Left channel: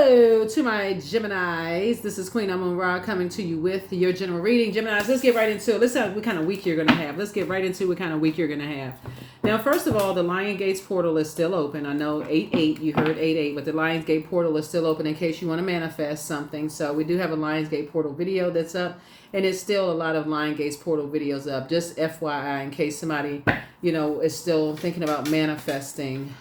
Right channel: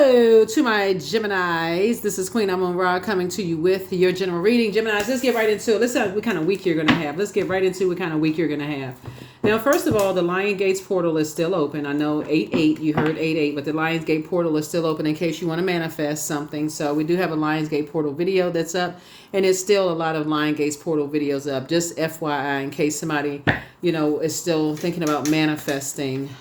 Hello to my Geminis. This is Queen Amun Ra coming to you with your general reading. Geminis, let's get right into it. Let's see what kind of week you're going to have. Let's get right into what kind of week you're going to have. Now, first of all, the Lion Gates portal is still open. I know 8-8, you heard 8-8, but the Lions Gate portal is still open in case you want to manifest something. So we do have a Lions Gate portal video that's up, and it's still a lot of Lion Gates portal videos up. Just FYI, in case somebody, is still thinking about manifesting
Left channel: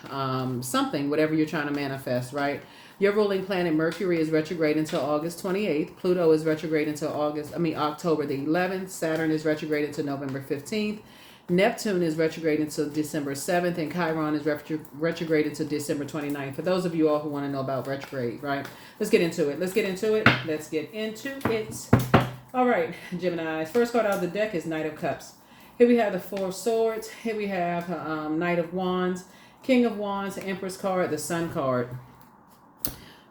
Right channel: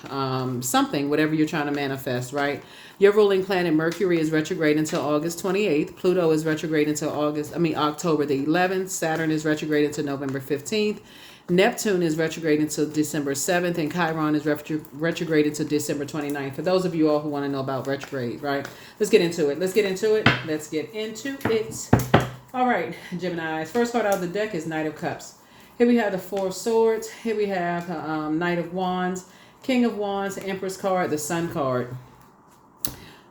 something, whatever you're trying to manifest, right? Your ruling planet Mercury is retrograde until August 28th. Pluto is retrograde until October the 11th. Saturn is retrograde until November 15th. Neptune is retrograde until December 7th. And Chiron is retrograde until December 29th. For those of you all who want to know about retrograde, right? Let's get into it. All right, Geminis. First card out of the deck is Knight of Cups. Here we have the Four of Swords. Here we have Knight of Wands, King of Wands, Empress card, the Sun card.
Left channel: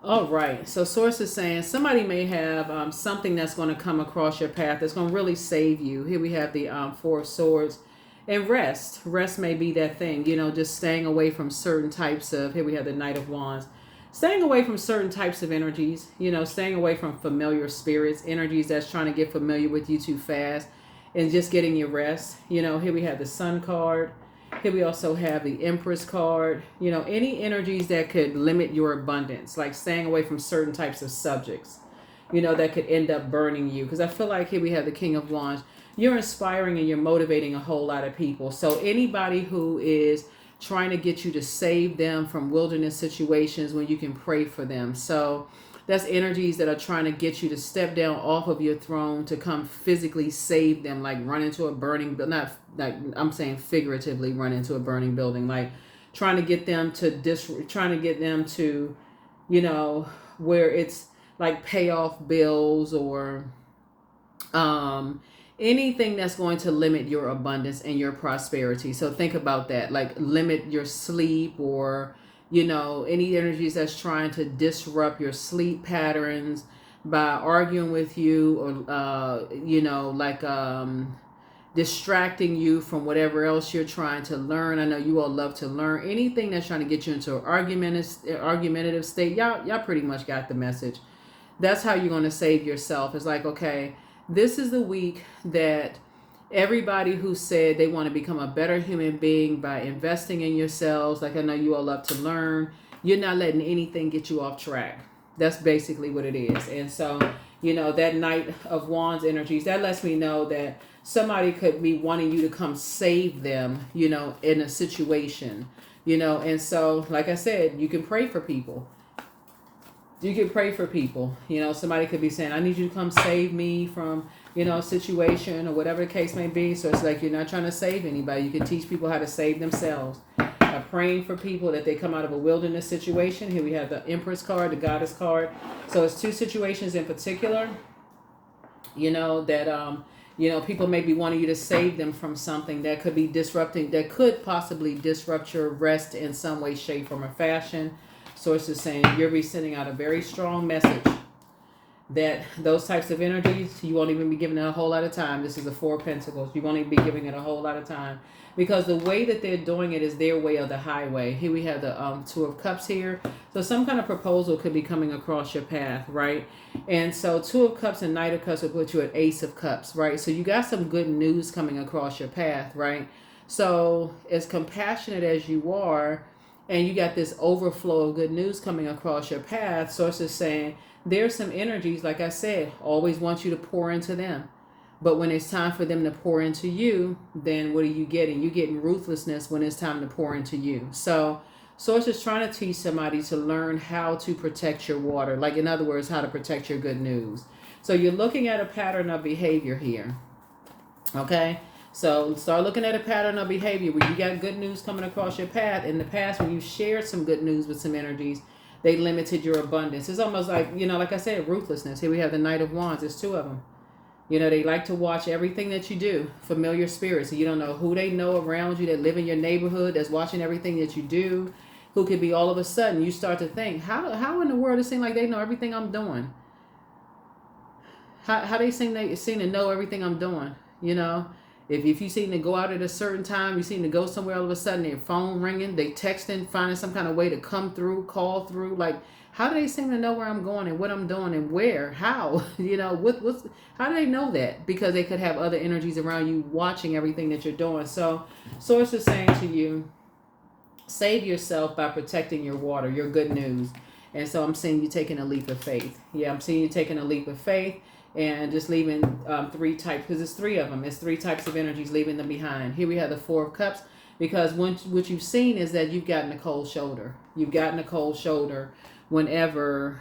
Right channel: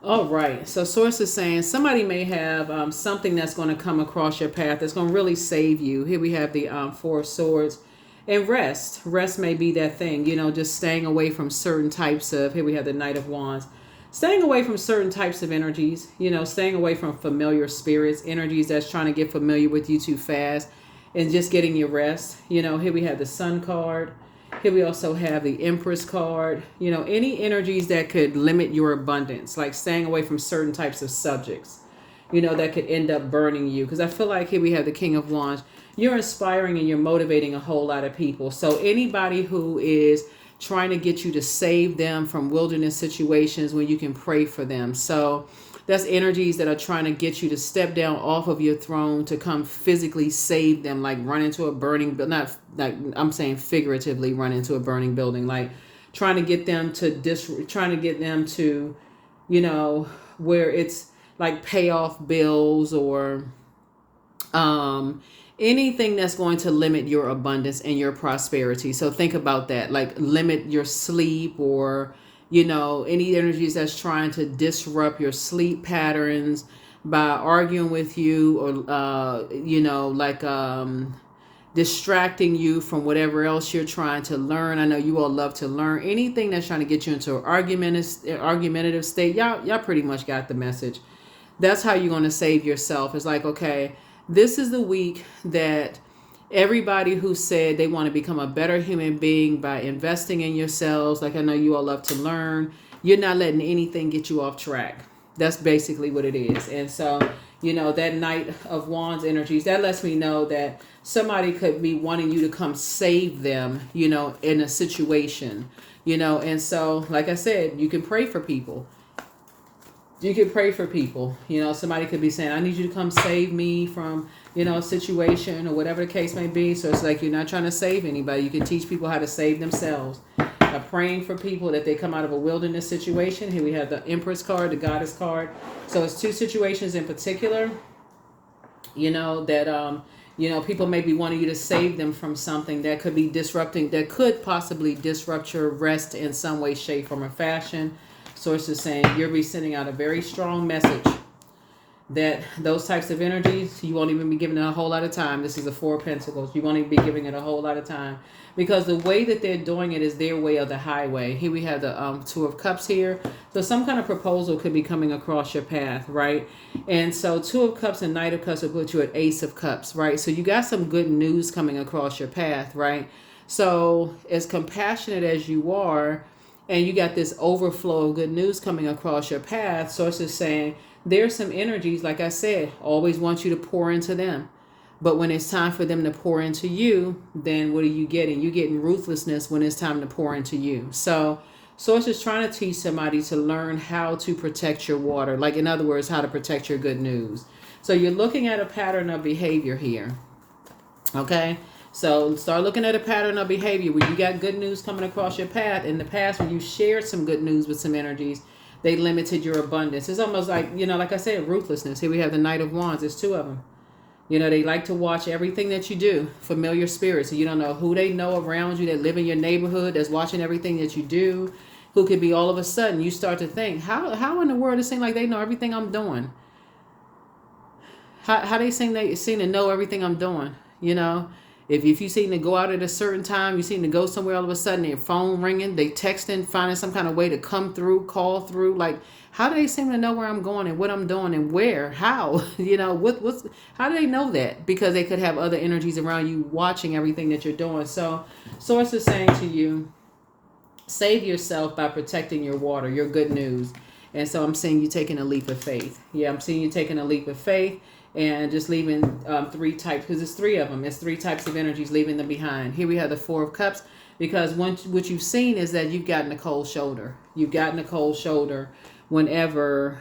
All right, so Source is saying somebody may have something that's going to come across your path that's going to really save you. Here we have the Four of Swords. And rest. Rest may be that thing, just staying away from certain types of, here we have the Knight of Wands. Staying away from certain types of energies, staying away from familiar spirits, energies that's trying to get familiar with you too fast, and just getting your rest. Here we have the Sun card. Here we also have the Empress card. Any energies that could limit your abundance, like staying away from certain types of subjects, that could end up burning you. Because I feel like here we have the King of Wands. You're inspiring and you're motivating a whole lot of people. So anybody who is trying to get you to save them from wilderness situations when you can pray for them. So that's energies that are trying to get you to step down off of your throne to come physically save them, like run into a burning, but not like I'm saying figuratively run into a burning building, like trying to get them to, where it's like pay off bills or anything that's going to limit your abundance and your prosperity. So think about that, like limit your sleep or any energies that's trying to disrupt your sleep patterns by arguing with you or, distracting you from whatever else you're trying to learn. I know you all love to learn. Anything that's trying to get you into an argumentative state, y'all pretty much got the message. That's how you're going to save yourself. It's like, okay, this is the week that everybody who said they want to become a better human being by investing in yourselves, like I know you all love to learn, you're not letting anything get you off track. That's basically what it is. And so, that Knight of Wands energies, that lets me know that somebody could be wanting you to come save them, in a situation, and so, like I said, you can pray for people. Somebody could be saying, I need you to come save me from, situation or whatever the case may be. So it's like you're not trying to save anybody. You can teach people how to save themselves. Praying for people that they come out of a wilderness situation. Here we have the Empress card, the Goddess card. So it's two situations in particular, that, people may be wanting you to save them from something that could be disrupting, that could possibly disrupt your rest in some way, shape, form, or fashion. Source is saying you'll be sending out a very strong message that those types of energies, you won't even be giving it a whole lot of time. This is a Four of Pentacles. You won't even be giving it a whole lot of time because the way that they're doing it is their way of the highway. Here we have the Two of Cups here. So some kind of proposal could be coming across your path, right? And so Two of Cups and Knight of Cups will put you at Ace of Cups, right? So you got some good news coming across your path, right? So as compassionate as you are, and you got this overflow of good news coming across your path, Source is saying there's some energies, like I said, always want you to pour into them. But when it's time for them to pour into you, then what are you getting? You're getting ruthlessness when it's time to pour into you. So Source is trying to teach somebody to learn how to protect your water. Like, in other words, how to protect your good news. So you're looking at a pattern of behavior here. Okay? So start looking at a pattern of behavior where you got good news coming across your path. In the past, when you shared some good news with some energies, they limited your abundance. It's almost like, like I said, ruthlessness. Here we have the Knight of Wands. There's two of them. They like to watch everything that you do. Familiar spirits. So you don't know who they know around you that live in your neighborhood that's watching everything that you do. Who could be all of a sudden you start to think, how in the world it seems like they know everything I'm doing? How they seem to know everything I'm doing, If you seem to go out at a certain time, you seem to go somewhere, all of a sudden their phone ringing, they texting, finding some kind of way to come through, call through. Like, how do they seem to know where I'm going and what I'm doing and where, how, how do they know that? Because they could have other energies around you watching everything that you're doing. So Source is saying to you, save yourself by protecting your water, your good news. And so I'm seeing you taking a leap of faith. Yeah, I'm seeing you taking a leap of faith and just leaving three types, because it's three of them. It's three types of energies, leaving them behind. Here we have the Four of Cups, because what you've seen is that you've gotten a cold shoulder. You've gotten a cold shoulder whenever,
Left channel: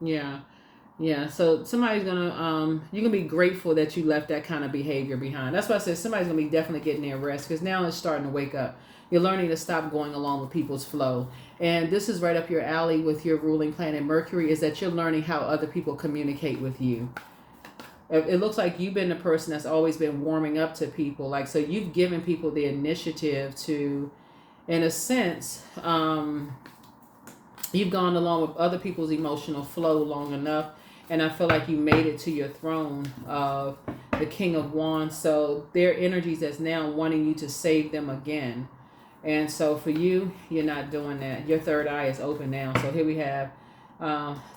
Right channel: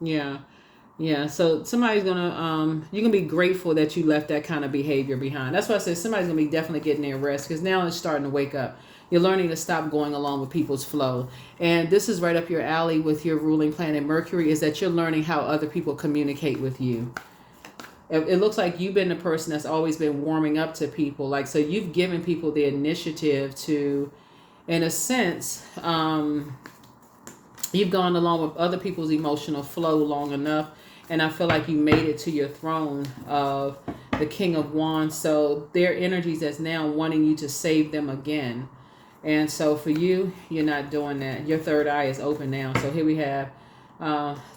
yeah. Yeah, so somebody's gonna you're gonna be grateful that you left that kind of behavior behind. That's why I said somebody's gonna be definitely getting their rest, because now it's starting to wake up. You're learning to stop going along with people's flow. And this is right up your alley with your ruling planet Mercury, is that you're learning how other people communicate with you. It looks like you've been the person that's always been warming up to people. Like, so you've given people the initiative to, in a sense, you've gone along with other people's emotional flow long enough. And I feel like you made it to your throne of the King of Wands. So their energies is now wanting you to save them again. And so for you, you're not doing that. Your third eye is open now. So here we have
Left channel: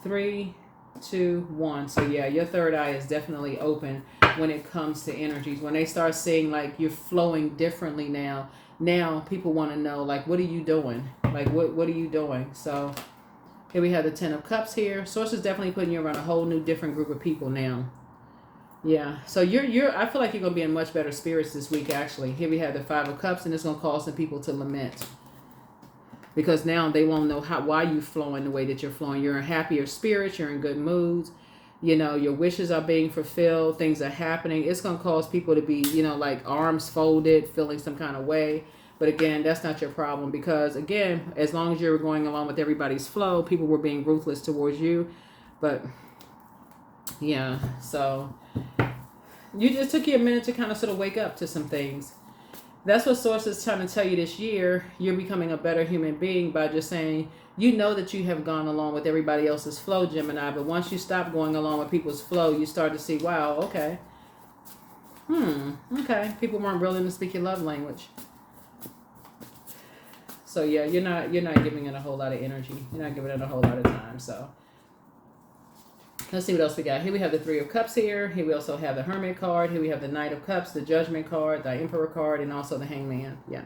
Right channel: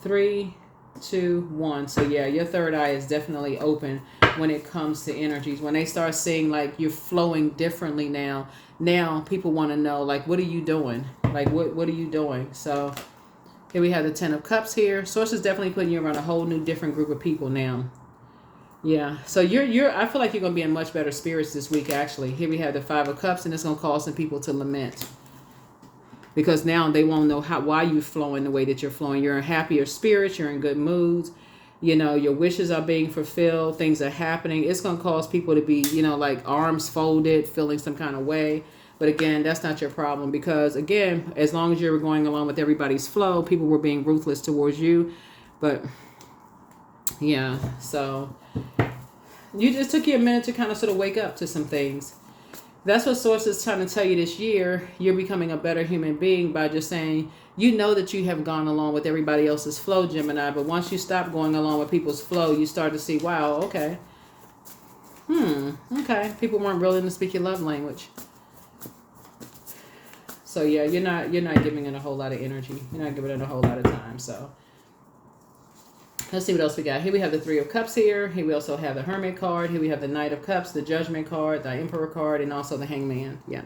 3, 2, 1. So yeah, your third eye is definitely open when it comes to energies. When they start seeing like you're flowing differently now people want to know, like, what are you doing? Like, what are you doing? So here we have the Ten of Cups here. Source is definitely putting you around a whole new different group of people now. Yeah. So I feel like you're going to be in much better spirits this week, actually. Here we have the Five of Cups, and it's going to cause some people to lament. Because now they won't know why you're flowing the way that you're flowing. You're in happier spirits. You're in good moods. Your wishes are being fulfilled. Things are happening. It's going to cause people to be, like arms folded, feeling some kind of way. But again, that's not your problem, because again, as long as you're going along with everybody's flow, people were being ruthless towards you. But yeah, so you just took you a minute to kind of sort of wake up to some things. That's what Source is trying to tell you this year. You're becoming a better human being by just saying, that you have gone along with everybody else's flow, Gemini. But once you stop going along with people's flow, you start to see, wow, okay. Okay. People weren't willing to speak your love language. So yeah, you're not giving it a whole lot of energy. You're not giving it a whole lot of time. So let's see what else we got. Here we have the Three of Cups here. Here we also have the Hermit card. Here we have the Knight of Cups, the Judgment card, the Emperor card, and also the Hangman. Yeah.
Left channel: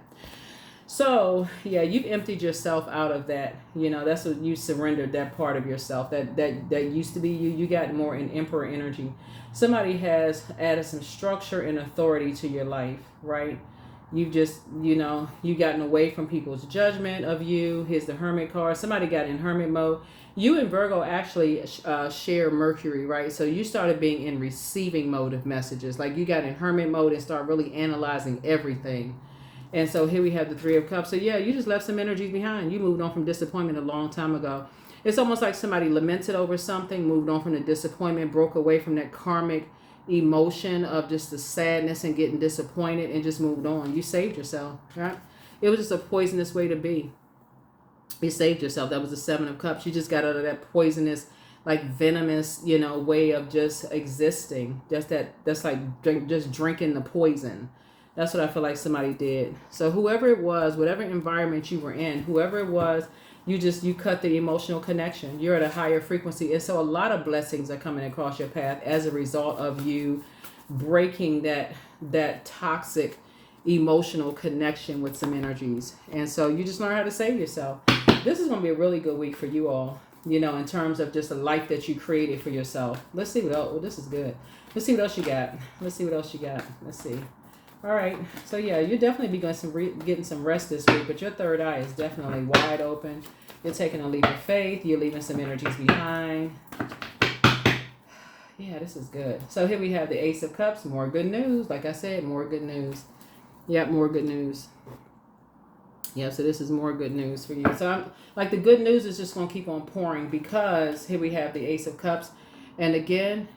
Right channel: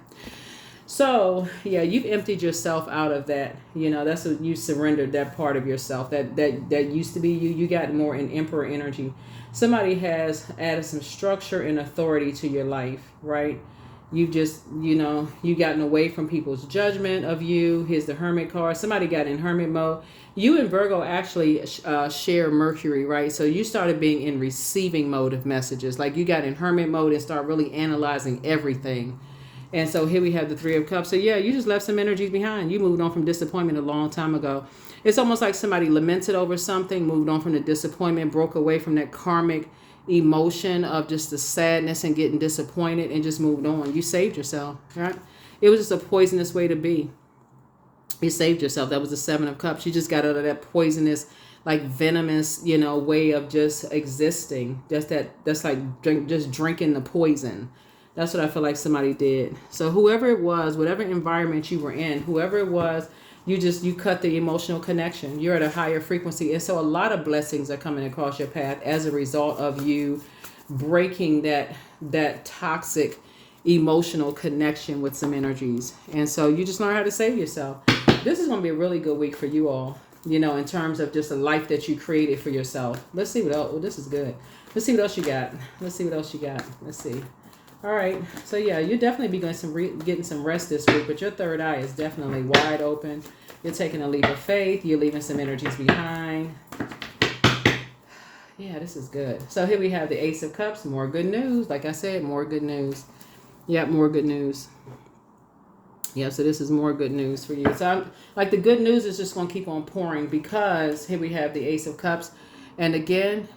So yeah, you've emptied yourself out of that. That's what you surrendered, that part of yourself that used to be you. You got more in Emperor energy. Somebody has added some structure and authority to your life, right? You've just, you gotten away from people's judgment of you. Here's the Hermit card. Somebody got in Hermit mode. You and Virgo actually share Mercury, right? So you started being in receiving mode of messages. Like you got in Hermit mode and start really analyzing everything. And so here we have the Three of Cups. So yeah, you just left some energies behind. You moved on from disappointment a long time ago. It's almost like somebody lamented over something, moved on from the disappointment, broke away from that karmic emotion of just the sadness and getting disappointed, and just moved on. You saved yourself, right? It was just a poisonous way to be. You saved yourself. That was the Seven of Cups. You just got out of that poisonous, like venomous, way of just existing. That's like drinking the poison. That's what I feel like somebody did. So whoever it was, whatever environment you were in, whoever it was, you cut the emotional connection. You're at a higher frequency. And so a lot of blessings are coming across your path as a result of you breaking that toxic emotional connection with some energies. And so you just learn how to save yourself. This is going to be a really good week for you all, in terms of just a life that you created for yourself. Let's see what else. Oh, this is good. Let's see what else you got. Let's see. All right. So yeah, you'll definitely be getting some rest this week, but your third eye is definitely wide open. You're taking a leap of faith. You're leaving some energies behind. Yeah, this is good. So here we have the Ace of Cups. More good news. Like I said, more good news. Yeah, more good news. Yeah, so this is more good news for you. So the good news is just going to keep on pouring, because here we have the Ace of Cups. And again,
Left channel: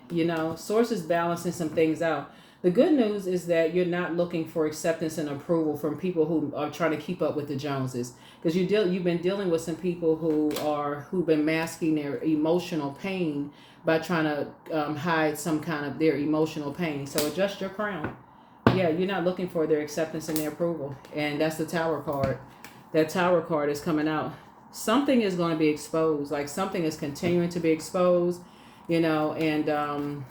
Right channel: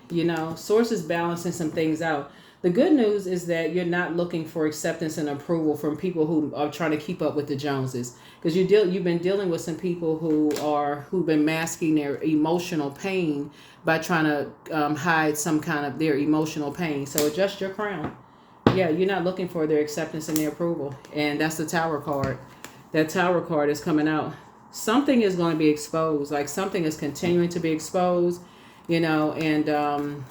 Source is balancing some things out. The good news is that you're not looking for acceptance and approval from people who are trying to keep up with the Joneses, because you've been dealing with some people who've been masking their emotional pain by trying to hide some kind of their emotional pain. So adjust your crown. Yeah, you're not looking for their acceptance and their approval, and that's the Tower card. That Tower card is coming out. something is going to be exposed. Like something is continuing to be exposed, you know, and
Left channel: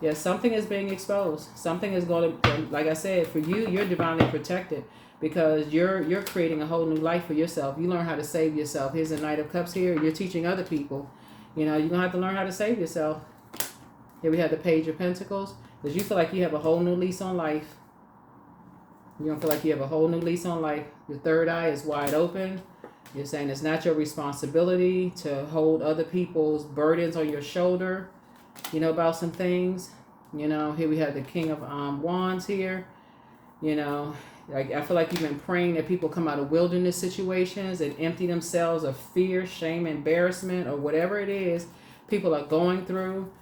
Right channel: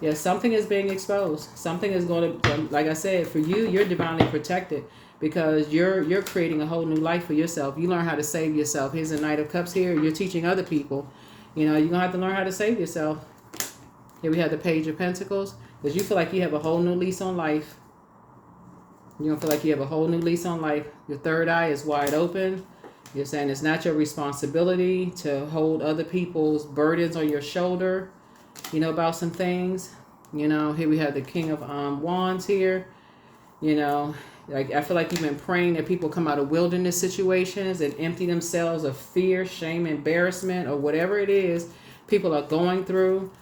yeah, something is being exposed. Something is going to, like I said, for you, you're divinely protected because you're creating a whole new life for yourself. You learn how to save yourself. Here's the Knight of Cups here. You're teaching other people. You know, you're going to have to learn how to save yourself. Here we have the Page of Pentacles because you feel like you have a whole new lease on life. You're going to feel like you have a whole new lease on life. Your third eye is wide open. You're saying it's not your responsibility to hold other people's burdens on your shoulder, you know, about some things. You know, here we have the King of Wands here. You know, like I feel like you've been praying that people come out of wilderness situations and empty themselves of fear, shame, embarrassment, or whatever it is people are going through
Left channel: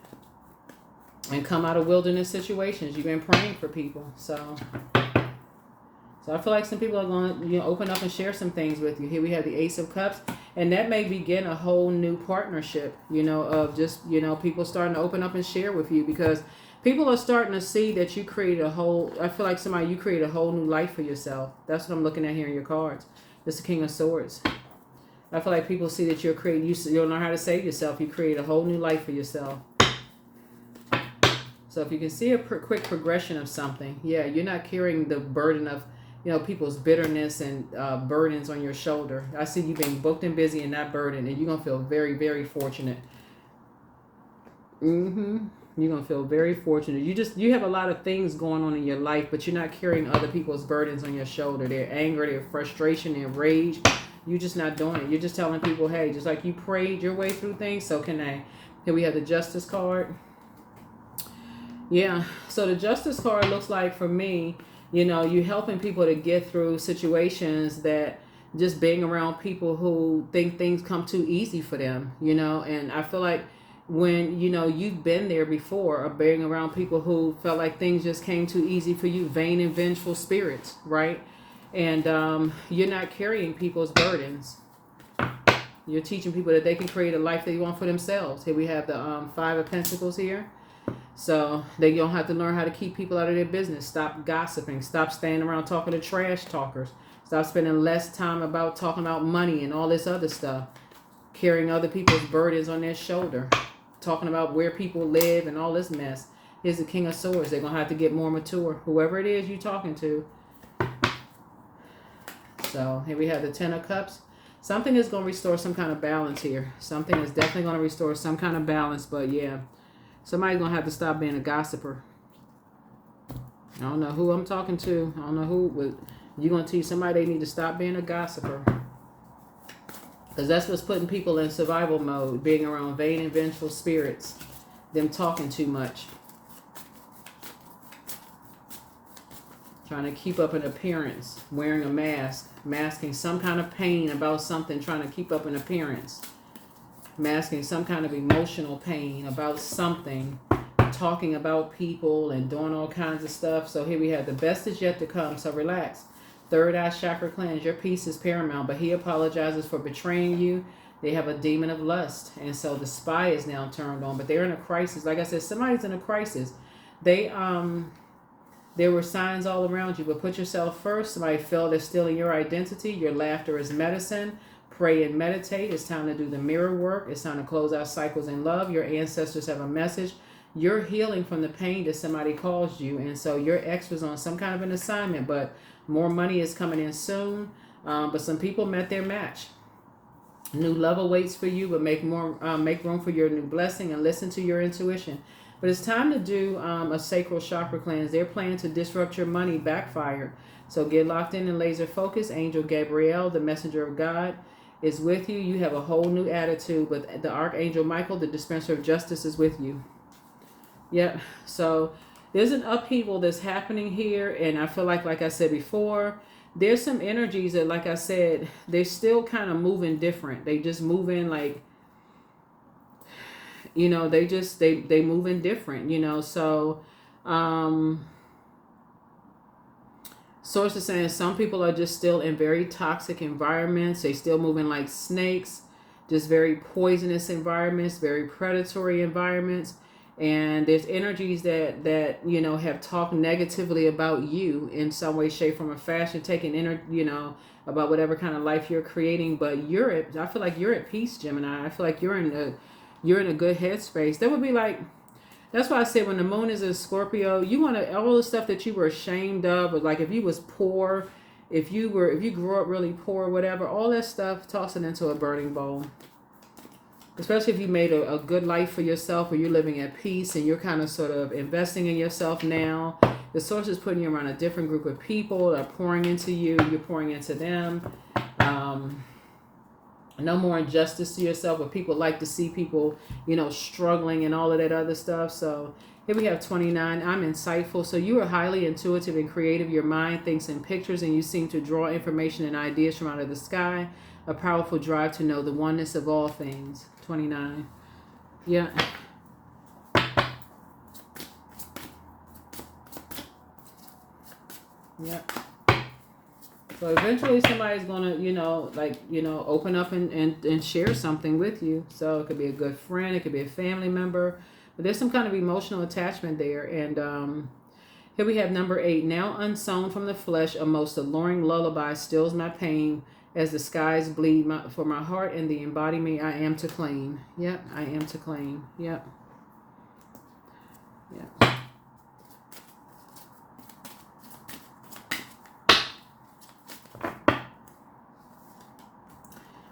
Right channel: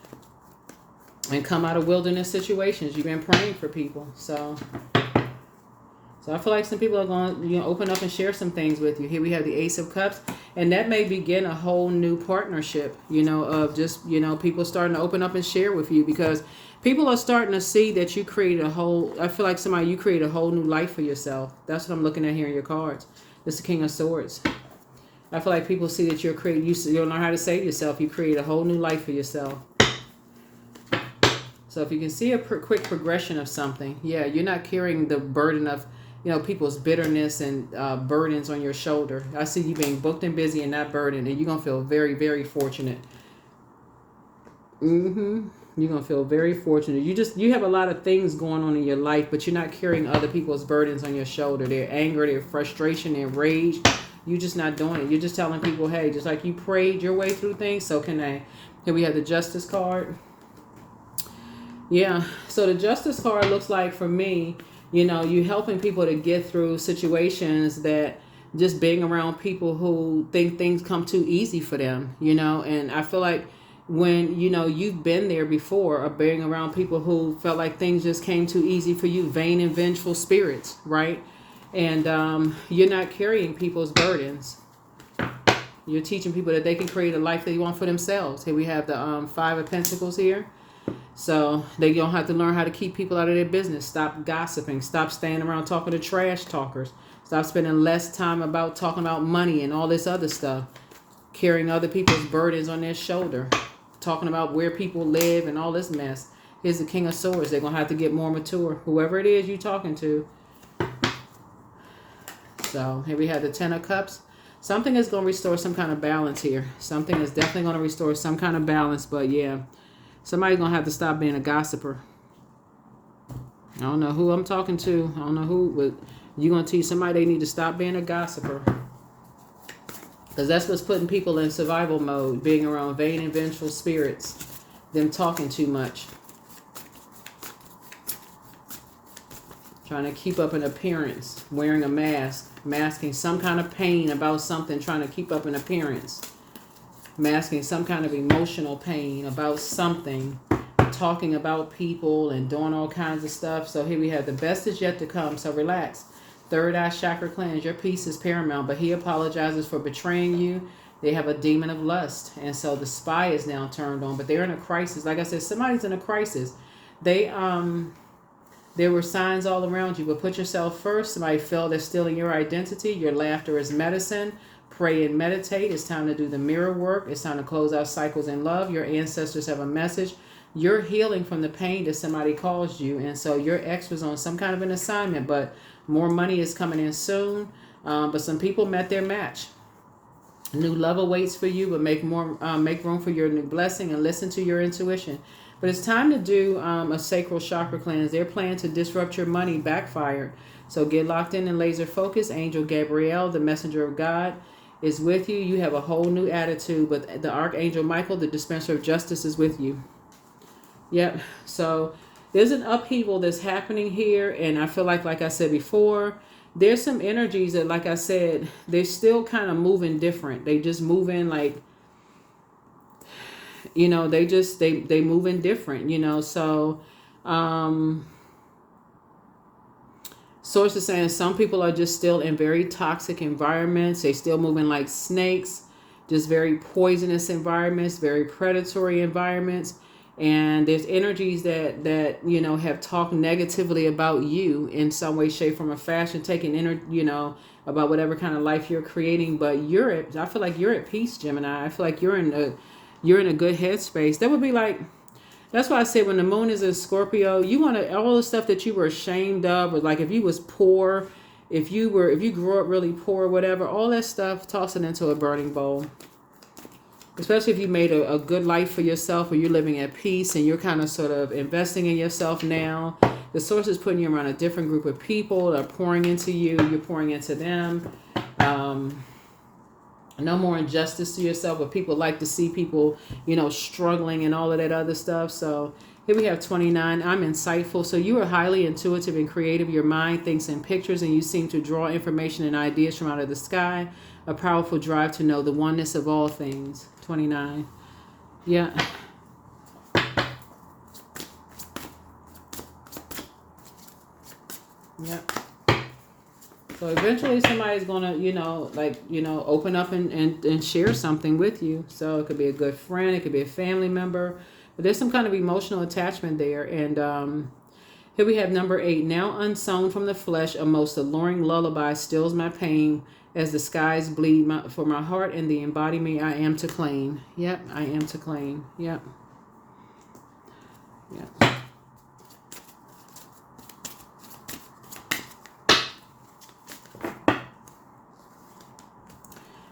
and come out of wilderness situations. You've been praying for people. So I feel like some people are going to, you know, open up and share some things with you. Here we have the Ace of Cups. And that may begin a whole new partnership, you know, of just, you know, people starting to open up and share with you because people are starting to see that you created a whole, I feel like you created a whole new life for yourself. That's what I'm looking at here in your cards. This is the King of Swords. I feel like people see that you'll learn how to save yourself. You create a whole new life for yourself. So if you can see a quick progression of something, yeah, you're not carrying the burden of, you know, people's bitterness and burdens on your shoulder. I see you being booked and busy and not burdened, and you're going to feel very, very fortunate. You're going to feel very fortunate. You have a lot of things going on in your life, but you're not carrying other people's burdens on your shoulder. Their anger, their frustration, their rage. You're just not doing it. You're just telling people, hey, just like you prayed your way through things, so can I. Here we have the Justice card. Yeah, so the Justice card looks like, for me, you know, you helping people to get through situations that just being around people who think things come too easy for them, you know. And I feel like when, you know, you've been there before, or being around people who felt like things just came too easy for you, vain and vengeful spirits, right? And you're not carrying people's burdens. You're teaching people that they can create a life they want for themselves. Here we have the Five of Pentacles here. So they don't have to learn how to keep people out of their business. Stop gossiping. Stop standing around talking to trash talkers. Stop spending less time about talking about money and all this other stuff. Carrying other people's burdens on their shoulder. Talking about where people live and all this mess. Here's the King of Swords. They're going to have to get more mature. Whoever it is you're talking to. So here we have the Ten of Cups. Something is going to restore some kind of balance here. Something is definitely going to restore some kind of balance. But yeah. Somebody's going to have to stop being a gossiper. I don't know who I'm talking to. I don't know who, but you're going to teach somebody they need to stop being a gossiper. Because that's what's putting people in survival mode, being around vain and vengeful spirits, them talking too much. Trying to keep up an appearance, wearing a mask, masking some kind of pain about something, trying to keep up an appearance. Masking some kind of emotional pain about something, talking about people and doing all kinds of stuff. So here we have the best is yet to come. So relax. Third eye chakra cleanse. Your peace is paramount, but he apologizes for betraying you. They have a demon of lust. And so the spy is now turned on, but they're in a crisis. Like I said, somebody's in a crisis. There were signs all around you, but put yourself first. Somebody felt they're stealing your identity. Your laughter is medicine. Pray and meditate. It's time to do the mirror work. It's time to close out cycles in love. Your ancestors have a message. You're healing from the pain that somebody caused you. And so your ex was on some kind of an assignment, but more money is coming in soon. But some people met their match. New love awaits for you, but make room for your new blessing and listen to your intuition. But it's time to do a sacral chakra cleanse. Their plan to disrupt your money backfired. So get locked in and laser focus. Angel Gabriel, the messenger of God, is with you. You have a whole new attitude, but the Archangel Michael, the dispenser of justice, is with you. Yep. So there's an upheaval that's happening here, and I feel like I said before, there's some energies that, like I said, they're still kind of moving different. They just move in like, you know, they move in different, you know. So Source is saying some people are just still in very toxic environments. They still moving like snakes, just very poisonous environments, very predatory environments. And there's energies that have talked negatively about you in some way, shape, form, or fashion, taking about whatever kind of life you're creating. But I feel like you're at peace, Gemini. I feel like you're in a good headspace. That would be like, that's why I said when the moon is in Scorpio, you want to, all the stuff that you were ashamed of, or like if you was poor, if you grew up really poor, whatever, all that stuff, toss it into a burning bowl. Especially if you made a good life for yourself, or you're living at peace and you're kind of sort of investing in yourself now. The source is putting you around a different group of people that are pouring into you. You're pouring into them. No more injustice to yourself, but people like to see people, struggling and all of that other stuff. So here we have 29. I'm insightful. So you are highly intuitive and creative. Your mind thinks in pictures, and you seem to draw information and ideas from out of the sky. A powerful drive to know the oneness of all things. 29. Yeah. Yeah. So eventually somebody's going to, open up and share something with you. So it could be a good friend. It could be a family member. But there's some kind of emotional attachment there. And here we have number 8. Now unsown from the flesh, a most alluring lullaby stills my pain as the skies bleed for my heart and the embodiment I am to claim. Yep, I am to claim. Yep. Yep.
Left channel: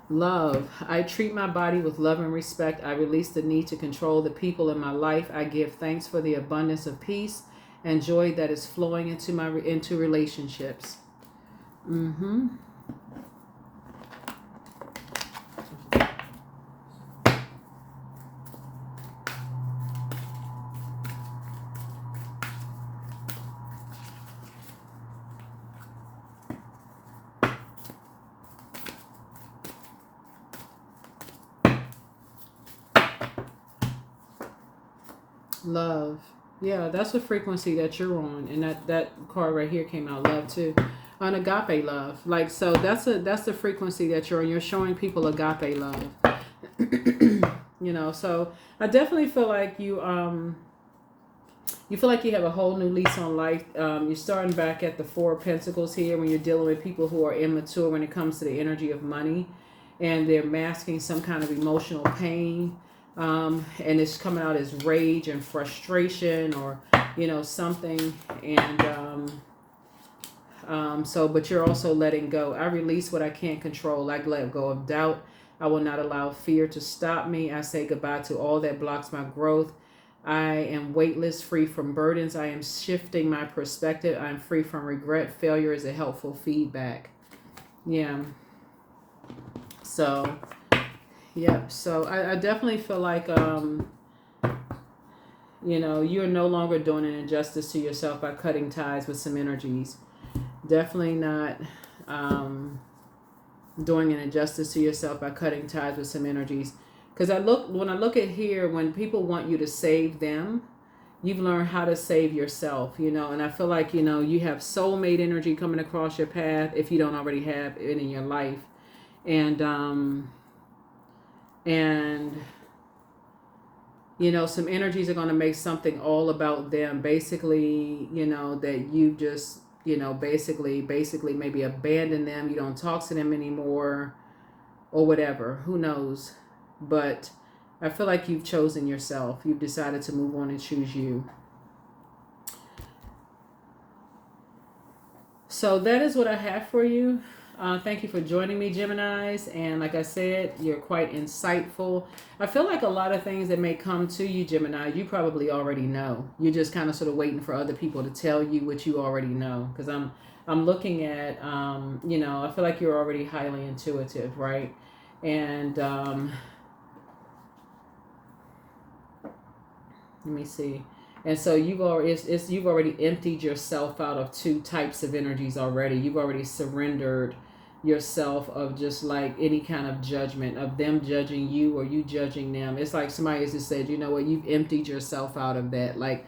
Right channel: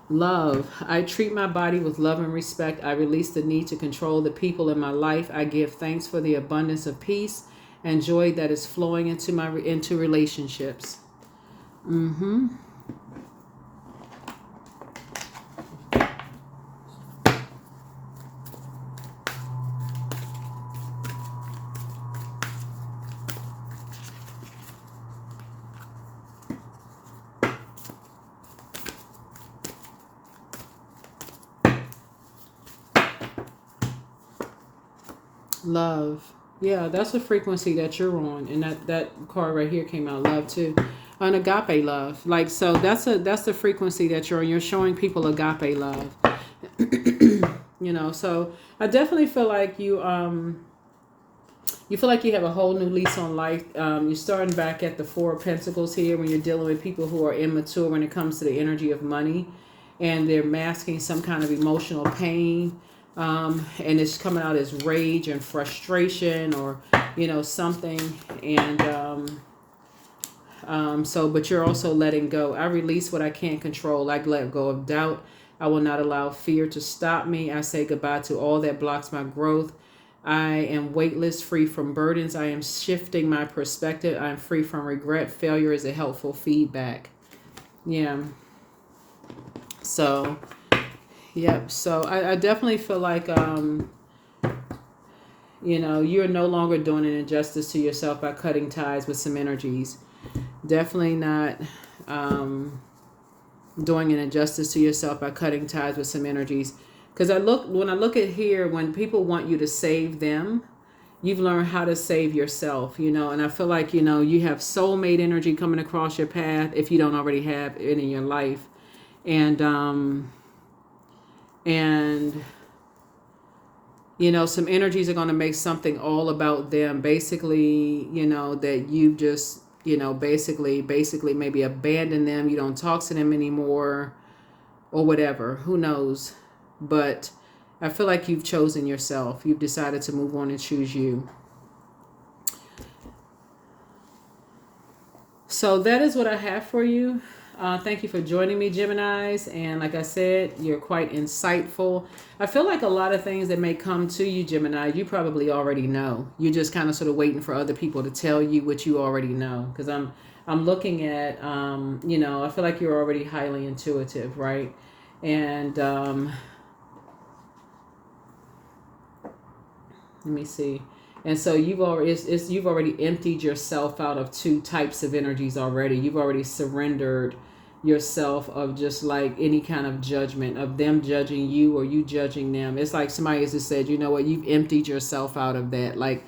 Love. I treat my body with love and respect. I release the need to control the people in my life. I give thanks for the abundance of peace and joy that is flowing into relationships. Mm-hmm. Love. Yeah, that's the frequency that you're on. And that card right here came out, love too. An agape love. Like, so that's the frequency that you're on. You're showing people agape love. So I definitely feel like you feel like you have a whole new lease on life. You're starting back at the 4 of Pentacles here when you're dealing with people who are immature when it comes to the energy of money, and they're masking some kind of emotional pain. And it's coming out as rage and frustration, or something. And but you're also letting go. I release what I can't control. I let go of doubt. I will not allow fear to stop me. I say goodbye to all that blocks my growth. I am weightless, free from burdens. I am shifting my perspective. I'm free from regret. Failure is a helpful feedback. Yeah. So yep. So I definitely feel like, you're no longer doing an injustice to yourself by cutting ties with some energies. Definitely not doing an injustice to yourself by cutting ties with some energies. Because when I look at here, when people want you to save them, you've learned how to save yourself, and I feel like, you have soulmate energy coming across your path if you don't already have it in your life. And some energies are going to make something all about them. Basically, that you just, basically maybe abandon them. You don't talk to them anymore or whatever. Who knows? But I feel like you've chosen yourself. You've decided to move on and choose you. So that is what I have for you. Thank you for joining me, Geminis. And like I said, you're quite insightful. I feel like a lot of things that may come to you, Gemini, you probably already know. You're just kind of sort of waiting for other people to tell you what you already know. Because I'm looking at, I feel like you're already highly intuitive, right? And let me see. And so you've already emptied yourself out of 2 types of energies already. You've already surrendered yourself of just like any kind of judgment of them judging you or you judging them. It's like somebody has just said, you know what, you've emptied yourself out of that. Like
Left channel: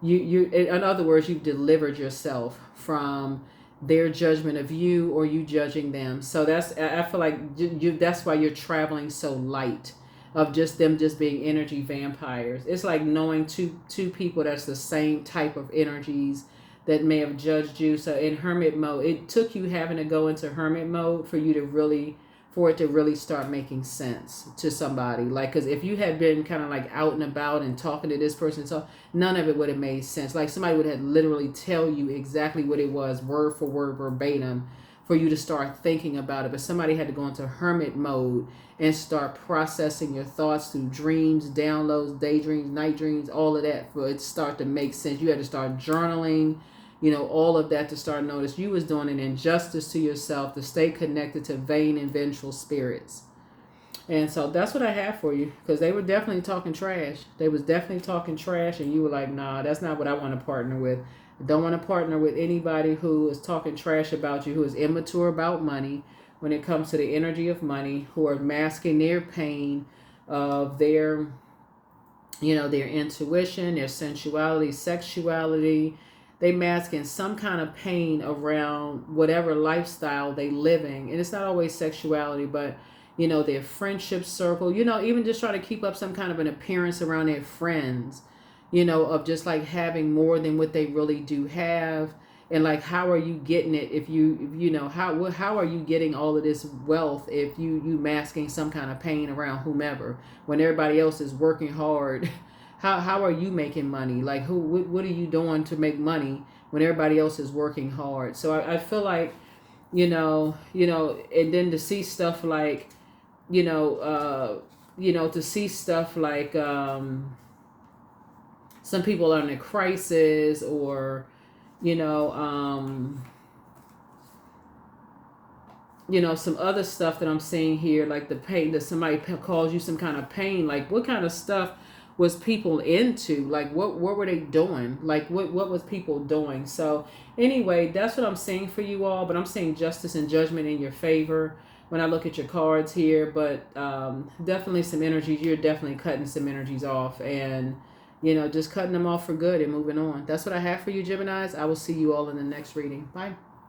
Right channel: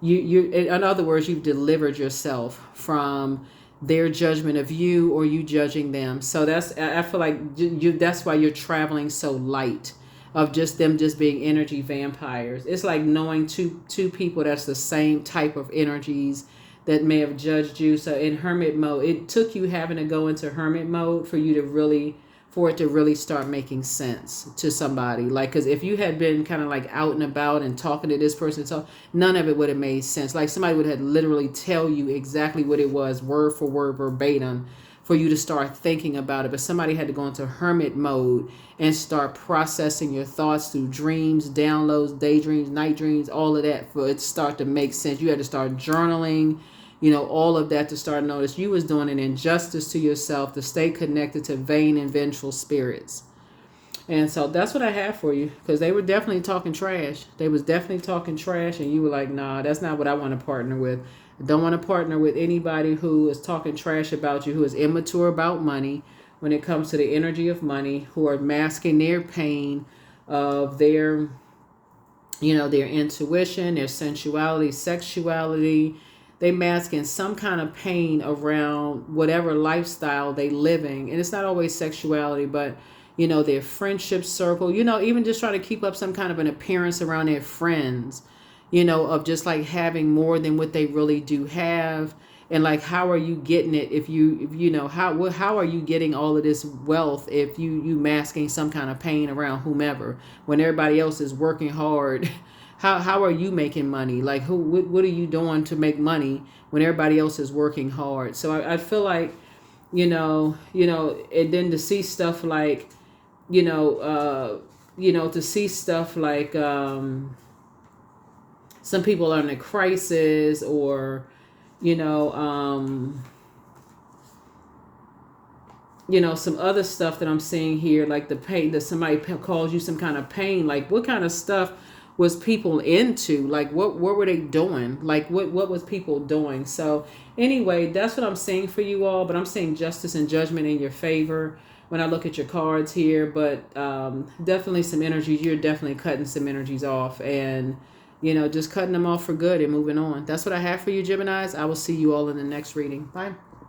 you in other words, you've delivered yourself from their judgment of you or you judging them. So I feel like that's why you're traveling so light. of just them just being energy vampires. It's like knowing two people that's the same type of energies that may have judged you. So in hermit mode, it took you having to go into hermit mode for you to really, for it to really start making sense to somebody. Like, because if you had been kind of like out and about and talking to this person, so none of it would have made sense. Like somebody would have literally tell you exactly what it was, word for word, verbatim, for you to start thinking about it. But somebody had to go into hermit mode and start processing your thoughts through dreams, downloads, daydreams, night dreams, all of that for it to start to make sense. You had to start journaling, you know, all of that to start notice you was doing an injustice to yourself to stay connected to vain and vengeful spirits. And so that's what I have for you, because they were definitely talking trash. They was definitely talking trash, and you were like, nah, that's not what I want to partner with. I don't want to partner with anybody who is talking trash about you, who is immature about money when it comes to the energy of money, who are masking their pain of their, you know, their intuition, their sensuality, sexuality. They masking some kind of pain around whatever lifestyle they living. And it's not always sexuality, but you know, their friendship circle, you know, even just trying to keep up some kind of an appearance around their friends, you know, of just like having more than what they really do have. And like, how are you getting it if you know, how are you getting all of this wealth if you masking some kind of pain around whomever when everybody else is working hard? How are you making money? Like, what are you doing to make money when everybody else is working hard? So I feel like, you know, and then to see stuff like, to see stuff like some people are in a crisis, or some other stuff that I'm seeing here, like the pain that somebody calls you some kind of pain. Like, what kind of stuff was people into? Like, what were they doing? Like, what was people doing? So anyway, that's what I'm saying for you all. But I'm saying justice and judgment in your favor when I look at your cards here. But definitely some energies. You're definitely cutting some energies off, and just cutting them off for good and moving on. That's what I have for you, Geminis. I will see you all in the next reading. Bye.